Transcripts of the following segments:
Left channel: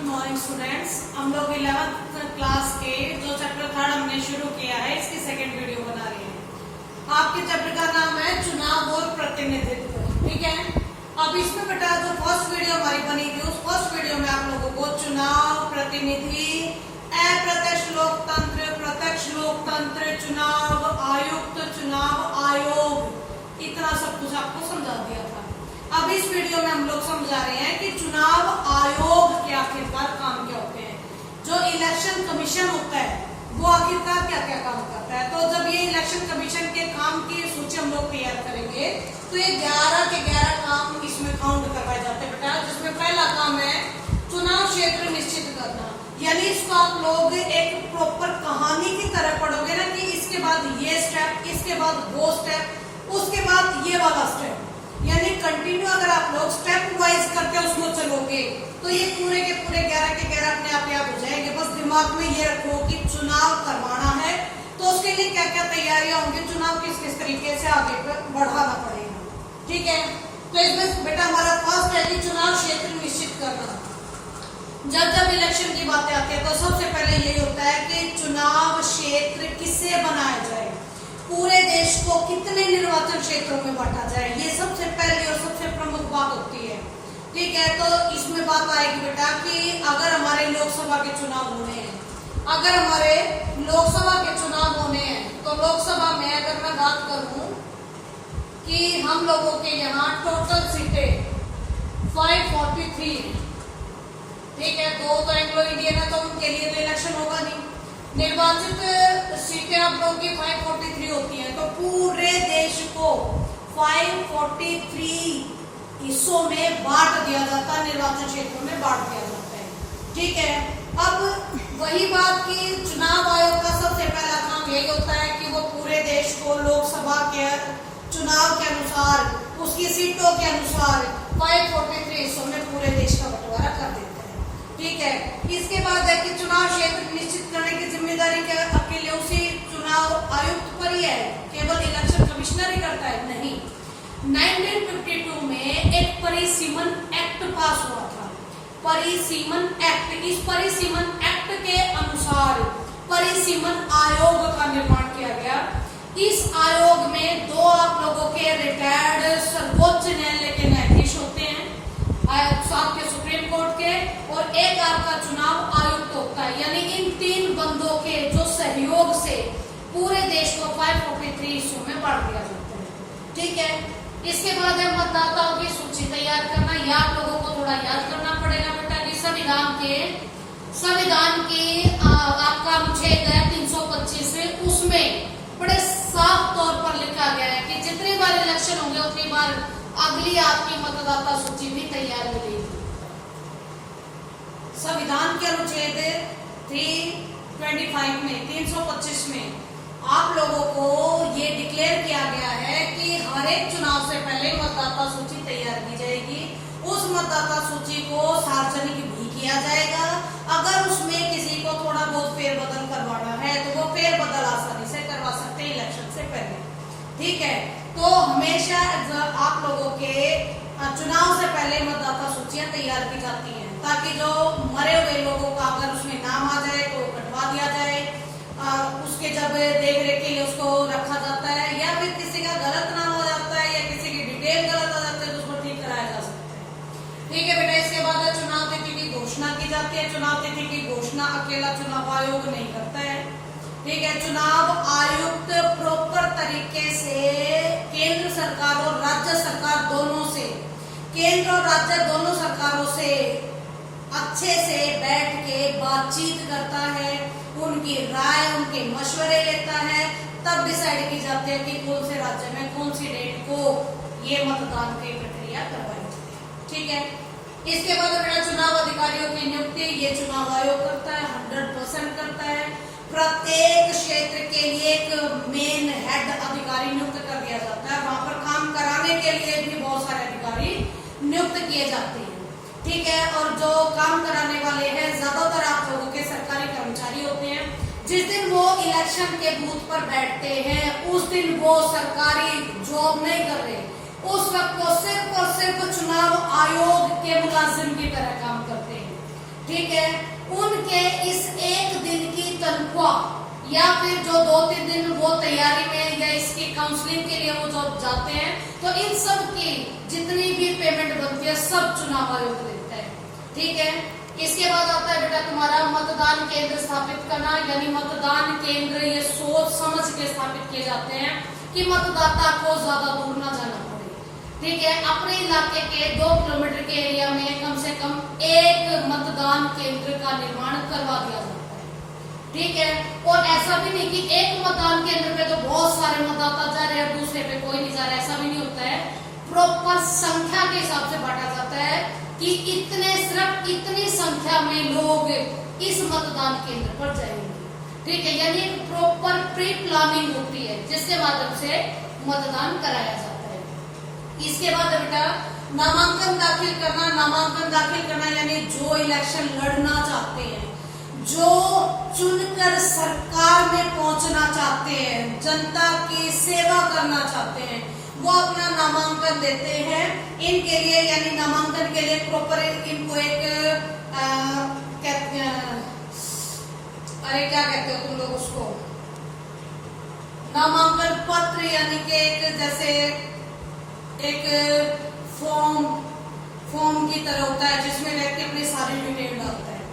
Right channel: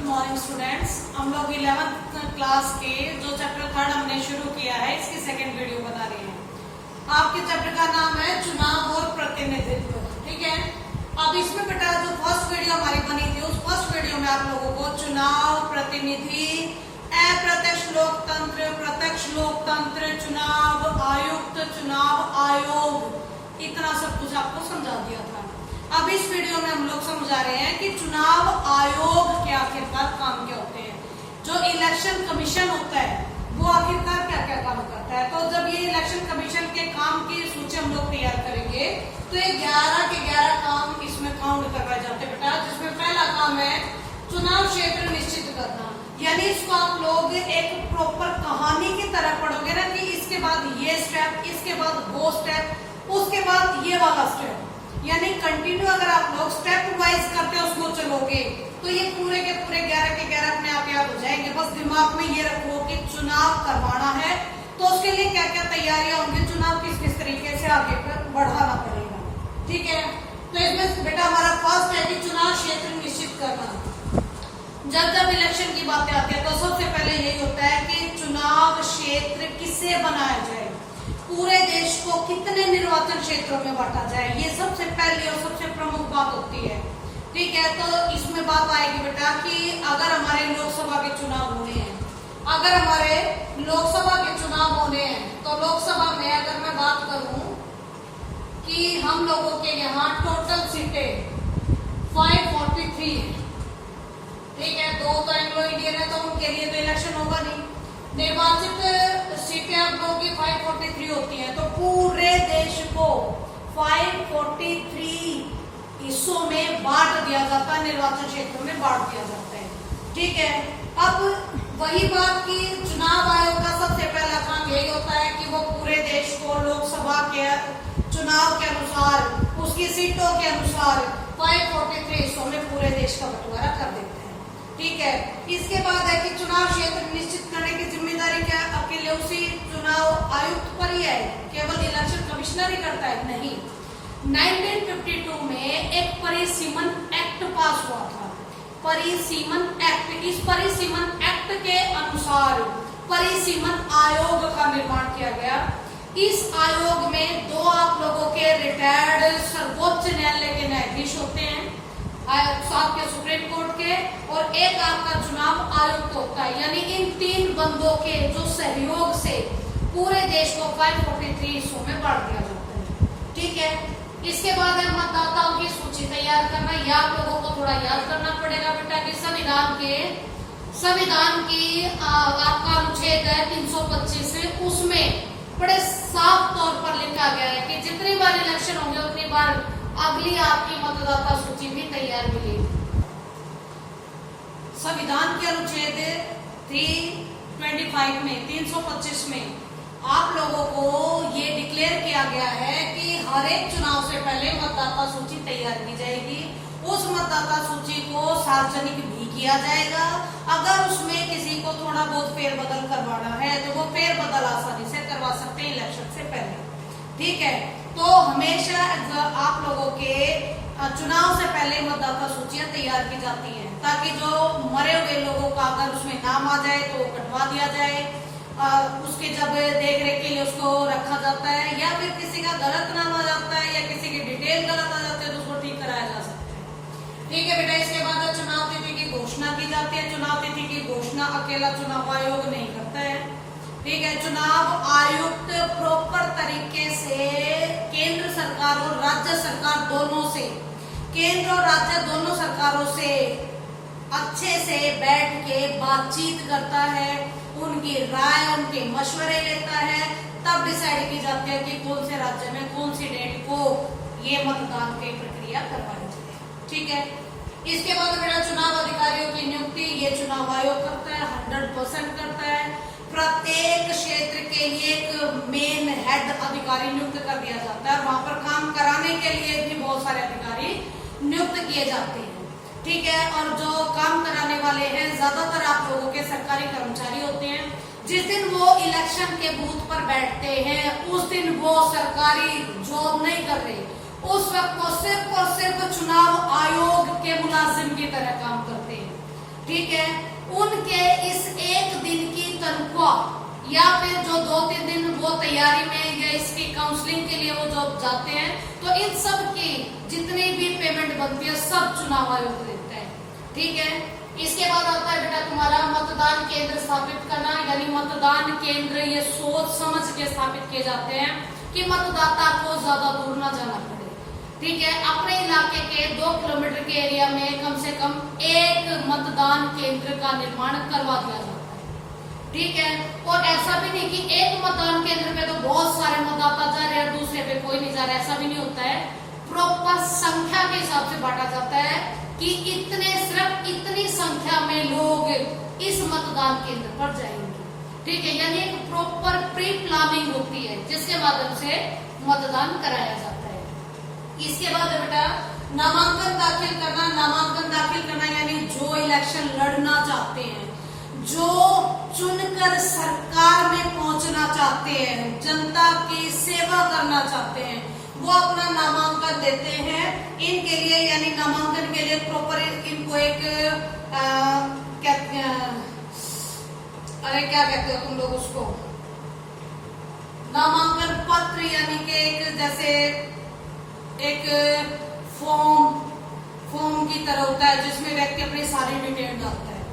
Good morning students. हम लोग 11th class के जो चैप्टर 3 हमने शुरू किया है इसकी सेकंड वीडियो बना रही है। आपके चैप्टर का नाम है चुनाव और प्रतिनिधित्व। ठीक है, अब इसमें बेटा जो फर्स्ट वीडियो हमारी बनी थी उस फर्स्ट वीडियो में आप लोगों को चुनाव, प्रतिनिधि, अप्रत्यक्ष लोकतंत्र, प्रत्यक्ष लोकतंत्र, चुनाव आयुक्त, चुनाव आयोग, इतना सब कुछ आपको समझा दिया था। अब इस वीडियो में हम लोग समझा रहे हैं कि चुनाव आयोग के आखिरकार काम क्या होते हैं। जो इलेक्शन कमीशन होता है वो आखिरकार क्या क्या काम करता है। तो जब ये इलेक्शन कमीशन के काम की सूची हम लोग तैयार करेंगे तो ये 11 के 11 काम इसमें काउंट करवाए जाते हैं बेटा। जिसमें पहला काम है चुनाव क्षेत्र निश्चित करना, यानी इसको आप लोग एक प्रॉपर कहानी की तरह पढ़ोगे ना कि इसके बाद ये स्टेप, इसके बाद वो स्टेप, उसके बाद ये वाला स्टेप, यानी कंटिन्यू अगर आप लोग स्टेप वाइज करते हो उसको चलोगे तो ये पूरे के पूरे 11 के 11 अपने आप याद हो जाएंगे। बस दिमाग में ये रखो कि चुनाव करवाना है तो उसके लिए क्या क्या तैयारियां होंगी, चुनाव किस किस तरीके से आगे बढ़ाना पड़ेगा। ठीक है, तो इसमें बेटा हमारा फर्स्ट है कि चुनाव क्षेत्र निश्चित करना। जब जब इलेक्शन की बातें आती है तो सबसे पहले यही होता है कि चुनाव क्षेत्र किसे बनाया जाए, पूरे देश को कितने निर्वाचन क्षेत्रों में बांटा जाए, ये सबसे पहली और सबसे प्रमुख बात होती है। ठीक है, तो इसमें बात आएगी बेटा कि अगर हमारे लोकसभा के चुनाव होने हैं, अगर हमारे लोकसभा के चुनाव होने हैं तो लोकसभा में अगर मैं बात करूं कि हम लोगों के यहाँ टोटल सीटें 543, ठीक है, दो तो एंग्लो इंडियन है तो उनके लिए तो इलेक्शन होगा नहीं। निर्वाचित सीटें आप लोगों की 543 होती हैं तो पूरे देश को 543 हिस्सों में बांट दिया जाता है, निर्वाचन क्षेत्रों में बांट दिया जाता है। ठीक है, अब वही बात कि चुनाव आयोग का सबसे पहला काम यही होता है कि वो पूरे देश को लोकसभा के चुनाव के अनुसार, उसकी सीटों के अनुसार 543 हिस्सों में पूरे देश का बंटवारा कर देते हैं। ठीक है, इसके बाद है कि चुनाव क्षेत्र निश्चित करने की जिम्मेदारी क्या अकेले उसी चुनाव आयुक्त पर ही है, केवल इलेक्शन कमिश्नर ही करता है? नहीं। 1952 में एक परिसीमन एक्ट पास हुआ था, परिसीमन एक्ट। इस परिसीमन एक्ट के अनुसार परिसीमन आयोग का निर्माण किया गया। इस आयोग में दो आप लोगों के रिटायर्ड सर्वोच्च न्यायालय के न्यायाधीश होते हैं, साथ के सुप्रीम कोर्ट के, और एक आपका चुनाव आयुक्त होता है। यानी इन तीन बंदों के जो सहयोग से पूरे देश को 543 हिस्सों में बांट दिया जाता है। ठीक है, इसके बाद है मतदाताओं की सूची तैयार करना। यह आप लोगों को थोड़ा याद करना पड़ेगा बेटा कि संविधान की आपका अनुच्छेद है 325 से, उसमें बड़े साफ तौर पर लिखा गया है कि जितनी बार इलेक्शन होंगे उतनी बार अगली आपकी मतदाता सूची भी तैयार मिलेगी। संविधान के अनुच्छेद 325 में 325 में आप लोगों को ये डिक्लेयर किया गया है कि हर एक चुनाव से पहले मतदाता सूची तैयार की जाएगी। उस मतदाता सूची को सार्वजनिक भी किया जाएगा। अगर उसमें किसी को थोड़ा बहुत फेरबदल करवाना है तो वो फेरबदल आसानी से करवा सकते हैं इलेक्शन से पहले। ठीक है, तो हमेशा आप लोगों के चुनाव से पहले मतदाता सूचियां तैयार की जाती हैं ताकि जो मरे हुए लोगों का अगर उसमें नाम आ जाए तो कटवा दिया जाए। उसके जब देख रेख के लिए उसको रखा जाता है, या फिर किसी का गलत नाम आ जाता है या किसी की डिटेल गलत आ जाती है तो उसको ठीक कराया जा सकता है। ठीक है बेटा, इसके बाद चुनाव तिथि की घोषणा की जाती है। चुनाव तिथि की घोषणा अकेला चुनाव आयोग नहीं करता है। ठीक है, चुनाव आयुक्त प्रॉपर तरीके से केंद्र सरकार और राज्य सरकार दोनों से, केंद्र और राज्य दोनों सरकारों से अच्छे से बैठ के बातचीत करता है, उनकी राय, उनके मशवरे लेता है, तब डिसाइड की जाती है कि कौन से राज्य में कौन सी डेट को ये मतदान की प्रक्रिया करवाई जाए। ठीक है, इसके बाद मेरा चुनाव अधिकारियों की नियुक्ति ये चुनाव आयोग करता है, 100% करता है। प्रत्येक क्षेत्र के लिए एक मेन हेड अधिकारी नियुक्त कर दिया जाता है, वहां पर काम कराने के लिए भी बहुत सारे अधिकारी नियुक्त किए जाते हैं। ठीक है, और जो काम कराने वाले हैं ज्यादातर आप लोगों के सरकारी कर्मचारी होते हैं। जिस दिन वो इलेक्शन के बूथ पर बैठते हैं उस दिन वो सरकारी जॉब नहीं कर रहे, उस वक्त वो सिर्फ और सिर्फ चुनाव आयोग के मुलाजिम की तरह काम करते हैं। ठीक ठीक है, उनके इस एक दिन की तनख्वाह या फिर जो 2-3 दिन वो तैयारी में या इसकी काउंसलिंग के लिए वो जो जाते हैं, तो इन सब की जितनी भी पेमेंट बनती है सब चुनाव आयोग देता है। ठीक है, इसके बाद आता है बेटा तुम्हारा मतदान केंद्र स्थापित करना, यानी मतदान केंद्र ये सोच समझ के स्थापित किए जाते हैं कि मतदाता को ज्यादा दूर ना जाना पड़े। ठीक है, अपने इलाके के 2 किलोमीटर के एरिया में कम से कम एक मतदान केंद्र का निर्माण करवा दिया जाता है। ठीक है, और ऐसा भी नहीं कि एक मतदान केंद्र पे तो बहुत सारे मतदाता जा रहे हैं, दूसरे पे कोई नहीं जा रहा, ऐसा भी नहीं होता है। प्रॉपर संख्या के हिसाब से बांटा जाता है कि सिर्फ इतनी संख्या में लोग इस मतदान केंद्र पर जाएंगे। ठीक है, यानी एक प्रॉपर प्री प्लानिंग होती है जिसके माध्यम से मतदान कराया जाता है। इसके बाद बेटा नामांकन दाखिल करना। नामांकन दाखिल करना यानी जो इलेक्शन लड़ना चाहते हैं, जो चुनकर सरकार में पहुंचना चाहते हैं, जनता की सेवा करना चाहते हैं, वो अपना नामांकन देते हैं। इनके लिए यानी नामांकन के लिए प्रॉपर इनको एक क्या कहते हो तुम लोग उसको, नामांकन पत्र, यानी कि एक जैसे एक फॉर्म की तरह होता है जिसमें व्यक्ति अपनी सारी डिटेल डालता है।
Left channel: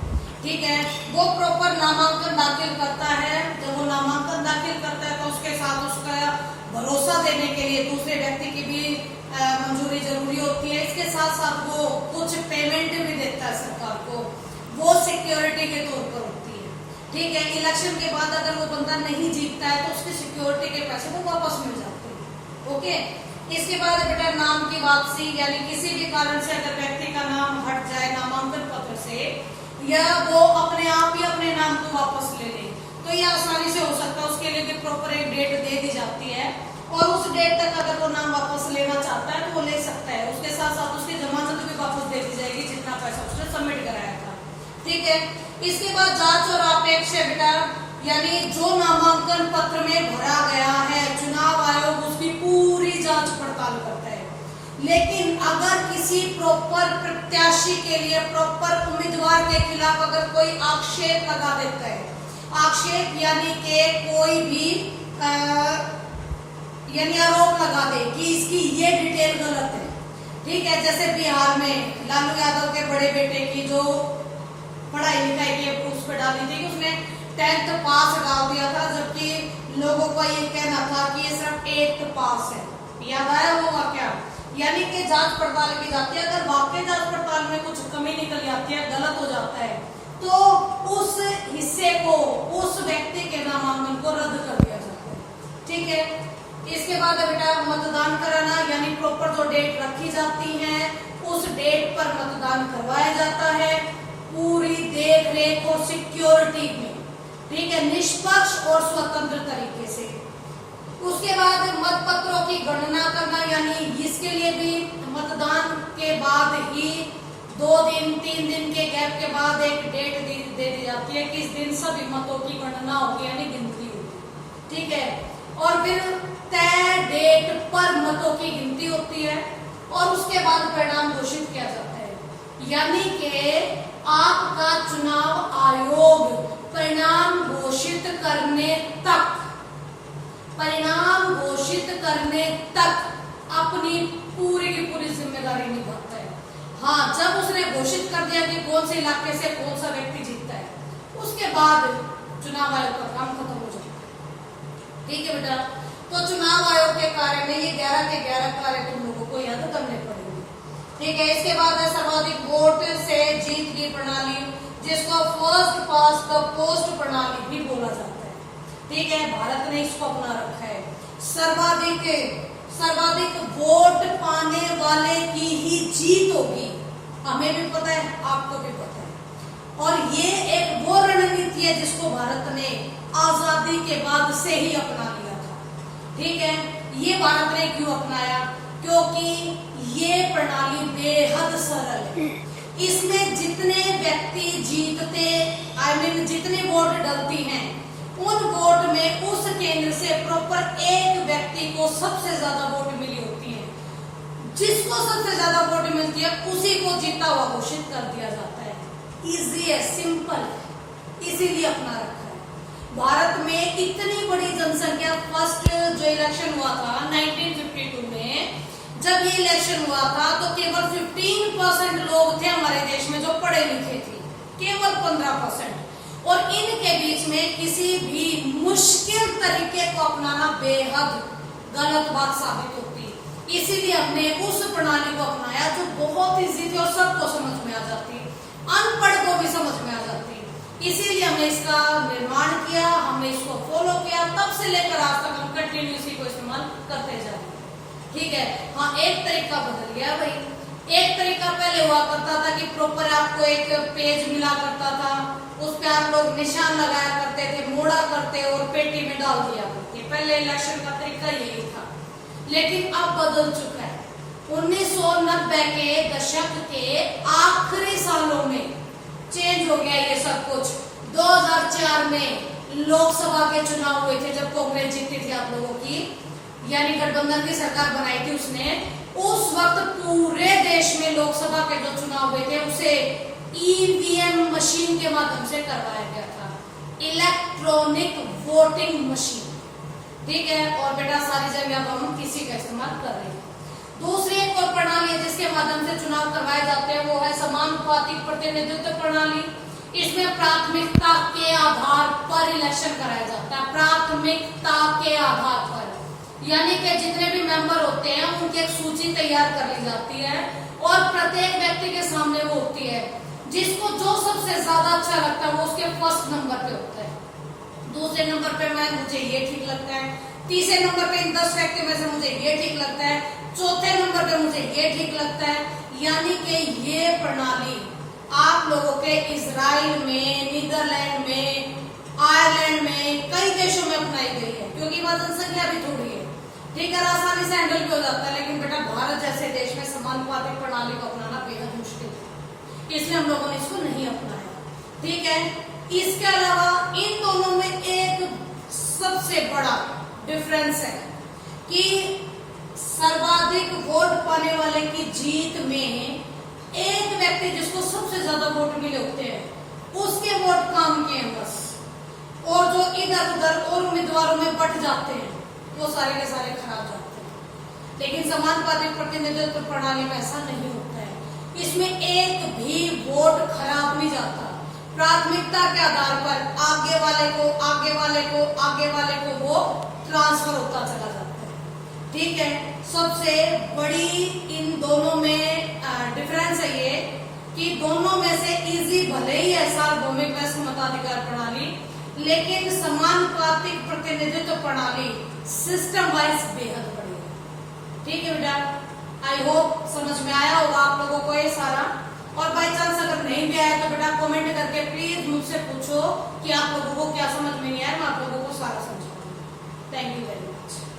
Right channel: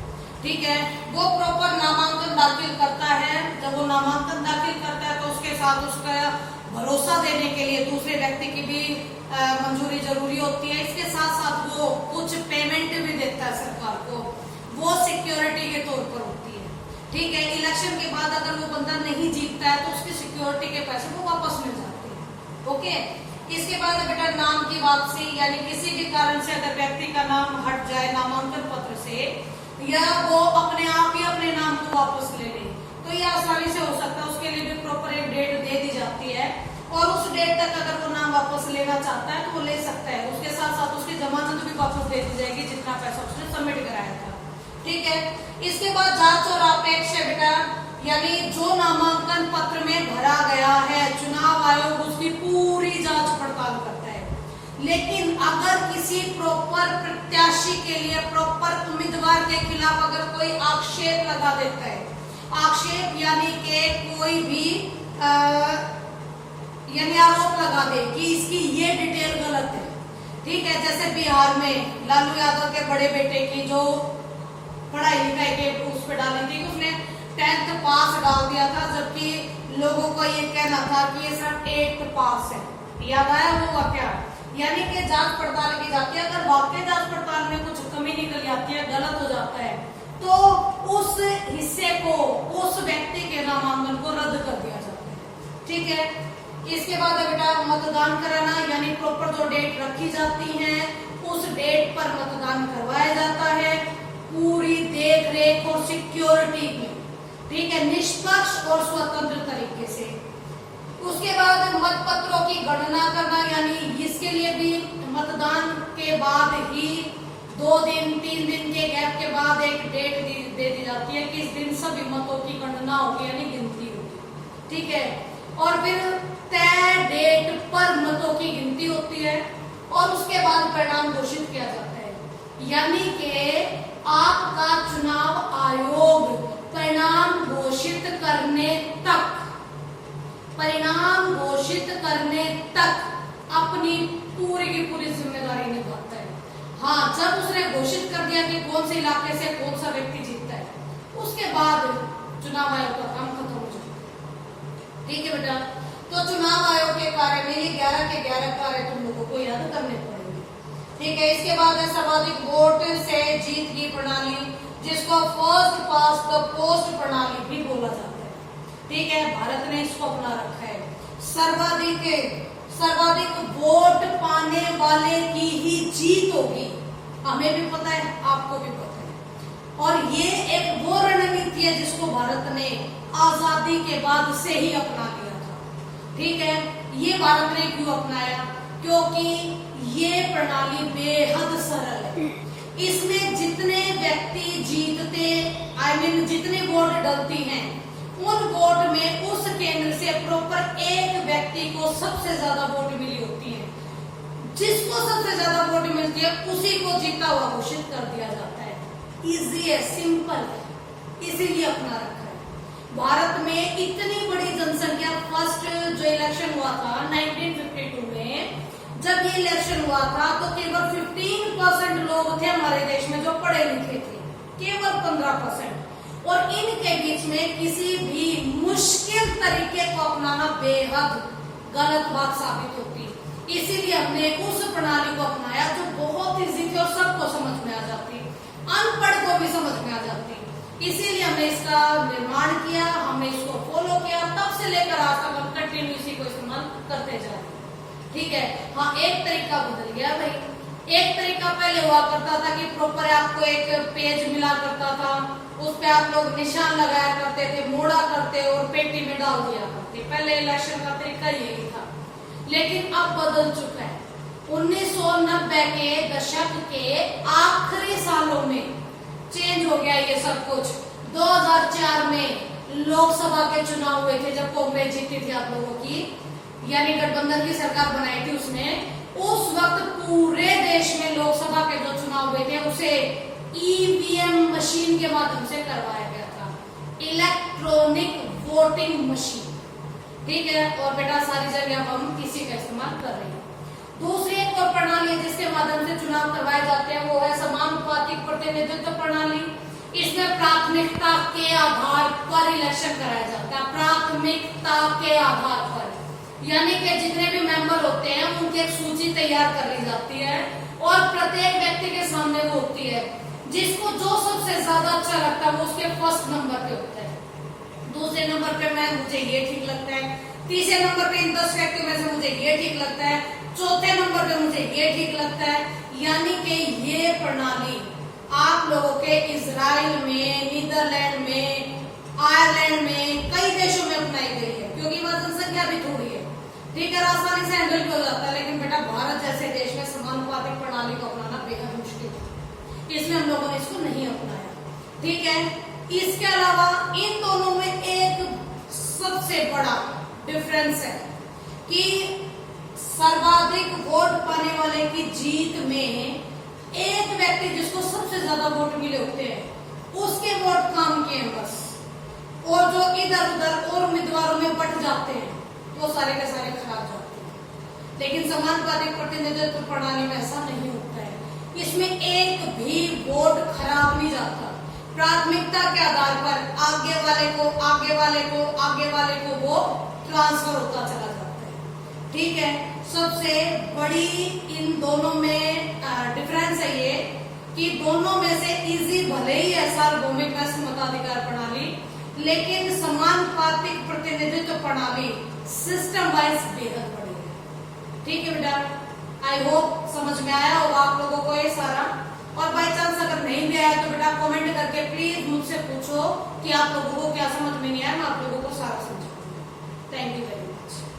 ठीक है, वो प्रॉपर नामांकन दाखिल करता है। जब वो नामांकन दाखिल करता है तो उसके साथ उसका भरोसा देने के लिए दूसरे व्यक्ति की भी मंजूरी जरूरी होती है। इसके साथ साथ वो कुछ पेमेंट भी देता है सरकार को, वो सिक्योरिटी के तौर पर होती है। ठीक है, इलेक्शन के बाद अगर वो बंदा नहीं जीतता है तो उसकी सिक्योरिटी के पैसे वो वापस मिल जाते हैं। ओके, इसके बाद बेटा नाम की वापसी, यानी किसी भी कारण से अगर व्यक्ति का नाम हट जाए नामांकन पत्र से, या वो अपने आप ही अपने नाम को वापस ले ले, तो ये आसानी से हो सकता है। उसके लिए भी प्रॉपर एक डेट दे दी जाती है और उस डेट तक अगर वो नाम वापस लेना चाहता है तो वो ले सकता है। उसके साथ साथ उसकी जमानत भी वापस दे दी जाएगी जितना पैसा उसने सबमिट कराया था। ठीक है, इसके बाद जांच और आपेक्ष बेटा, यानी जो नामांकन पत्र में भरा गया है चुनाव आयोग उसकी पूरी जांच पड़ताल करता है। लेकिन अगर किसी प्रॉपर प्रत्याशी के लिए, प्रॉपर उम्मीदवार के खिलाफ अगर कोई आक्षेप लगा देता है, आक्षेप यानी कि कोई भी यानी आरोप लगा दे कि इसकी ये डिटेल गलत है। ठीक है, जैसे बिहार में लालू यादव के बड़े बेटे की जो पढ़ाई लिखाई के उस पर डाली थी कि उसने 10th पास डाल दिया था, जबकि लोगों का ये कहना था कि ये सिर्फ 8th पास है। याद आया वो वाकया? यानी कि जांच पड़ताल की जाती है। अगर वाकई जांच पड़ताल में कुछ कमी निकल जाती है, गलत हो जाता है, तो उस हिस्से को, उस व्यक्ति के नामांकन को रद्द कर दिया जाता है। ठीक है, इसके बाद बेटा मतदान कराना, यानी प्रॉपर जो डेट रखी जाती है उस डेट पर मतदान करवाया जाता है पूरी देख रेख और सिक्योरिटी में। ठीक है, निष्पक्ष और स्वतंत्र तरीके से। उसके बाद मतपत्रों की गणना करना, यानी इसके लिए भी मतदान के बाद ही 2 दिन 3 दिन के गैप के बाद एक डेट दे दी जाती है कि इस दिन सभी मतों की गणना होगी, यानी गिनती होगी। ठीक है, और फिर तय डेट पर मतों की गिनती होती है और उसके बाद परिणाम घोषित किया जाता है। यानी कि आपका चुनाव आयोग परिणाम घोषित करने तक अपनी पूरी की पूरी जिम्मेदारी निभाता है। हाँ, जब उसने घोषित कर दिया कि कौन से इलाके से कौन सा व्यक्ति जीतता है, उसके बाद चुनाव आयोग का काम खत्म हो जाता है। ठीक है बेटा, तो चुनाव आयोग के कार्य में ये 11 के 11 कार्य तुम लोगों को याद करने पड़ेंगे। ठीक है, इसके बाद है सर्वाधिक वोट से जीत की प्रणाली, जिसको फर्स्ट पास द पोस्ट प्रणाली भी बोला जाता है। ठीक है, भारत ने इसको अपना रखा है। सर्वाधिक वोट पाने वाले की ही जीत होगी, हमें भी पता है, आपको भी पता है। और ये एक वो रणनीति है जिसको भारत ने आजादी के बाद से ही अपना लिया था। ठीक है, ये भारत ने क्यों अपनाया? क्योंकि ये प्रणाली बेहद सरल है। इसमें जितने व्यक्ति जीतते, जितने वोट डलती हैं, उन वोट में उस केंद्र से प्रॉपर एक व्यक्ति को सबसे ज्यादा वोट मिली होती है। जिसको सबसे ज्यादा वोट मिलती है उसी को जीता हुआ घोषित कर दिया जाता है। इजी है, सिंपल है, इसीलिए अपना रखा है। भारत में इतनी बड़ी जनसंख्या, फर्स्ट जो इलेक्शन हुआ था 1952 में, जब ये इलेक्शन हुआ था तो केवल 15% लोग थे हमारे देश में जो पढ़े लिखे थे, केवल 15%। और इनके बीच में किसी भी मुश्किल तरीके को अपनाना बेहद गलत बात साबित होती है। इसीलिए हमने उस प्रणाली को अपनाया जो बहुत इजी थी और सबको समझ में आ जाती, अनपढ़ को भी समझ में आ जाती। इसीलिए हमने इसका निर्माण किया, हमने इसको फॉलो किया, तब से लेकर आज तक हम कंटिन्यू इसी को इस्तेमाल करते जा रहे हैं। ठीक है, हाँ एक तरीका बदल गया भाई। एक तरीका पहले हुआ करता था कि प्रॉपर आपको एक पेज मिला करता था, उस पे आप लोग निशान लगाया करते थे, मोड़ा करते और पेटी में डाल दिया करते। पहले इलेक्शन का तरीका यही था, लेकिन अब बदल चुका है। 1990 के दशक के आखिरी सालों में चेंज हो गया ये सब कुछ। 2004 में लोकसभा के चुनाव हुए थे, जब कांग्रेस जीती थी आप लोगों की, यानी गठबंधन की सरकार बनाई थी उसने। उस वक्त पूरे देश में लोकसभा के जो चुनाव हुए थे उसे ईवीएम मशीन के माध्यम से करवाया गया था, इलेक्ट्रॉनिक वोटिंग मशीन। ठीक है, और बेटा सारी जगह अब हम किसी का इस्तेमाल कर रहे हैं। दूसरी एक और प्रणाली है जिसके माध्यम से चुनाव करवाए जाते हैं, वो है समानुपातिक प्रतिनिधित्व प्रणाली। इसमें प्राथमिकता के आधार पर इलेक्शन कराया जाता है, प्राथमिकता के आधार पर, यानी कि जितने भी मेंबर होते हैं उनकी एक सूची तैयार कर ली जाती है और प्रत्येक व्यक्ति के सामने वो होती है, जिसको जो सबसे ज्यादा अच्छा लगता है वो उसके फर्स्ट नंबर पे होता है, दूसरे नंबर पे मुझे ये ठीक लगता है, तीसरे नंबर पे इन 10 व्यक्ति में से मुझे ये ठीक लगता है, चौथे नंबर पे मुझे ये ठीक लगता है। यानी कि ये प्रणाली आप लोगों के इजराइल में, नीदरलैंड में, आयरलैंड में, कई देशों में अपनाई गई है, क्योंकि वहां जनसंख्या भी थोड़ी है। ठीक है, आसानी से हैंडल भी हो जाता है, लेकिन बेटा भारत जैसे देश में समानुपातिक प्रणाली को अपनाना बेहद मुश्किल है, इसलिए हम लोगों ने इसको नहीं अपनाया। ठीक है, इसके अलावा इन दोनों में एक सबसे बड़ा डिफरेंस है कि सर्वाधिक वोट पाने वाले की जीत में एक व्यक्ति जिसको सबसे ज्यादा वोट मिले होते हैं उसके वोट काम किए बस, और जो इधर उधर और उम्मीदवारों में बट जाते हैं वो सारे के सारे खराब जाते हैं। लेकिन समानुपातिक प्रतिनिधित्व प्रणाली में ऐसा नहीं होता है, इसमें एक भी वोट खराब नहीं जाता। प्राथमिकता के आधार पर आगे वाले को, आगे वाले को, आगे वाले को वो ट्रांसफर होता चला जाता है। ठीक है, सबसे बड़ी इन दोनों में डिफरेंस है ये कि दोनों में से इजी भले ही है सार्वभौमिक व्यस्त मताधिकार प्रणाली, लेकिन समानुपातिक प्रतिनिधित्व प्रणाली सिस्टम वाइज बेहद बड़ी है। ठीक है बेटा, आई होप समझ में आया होगा आप लोगों को ये सारा। और बाई चांस अगर नहीं भी आया तो बेटा कमेंट करके प्लीज मुझसे पूछो कि आप लोगों को क्या समझ में नहीं आया, मैं आप लोगों को सारा समझाऊंगी। Thank you very much.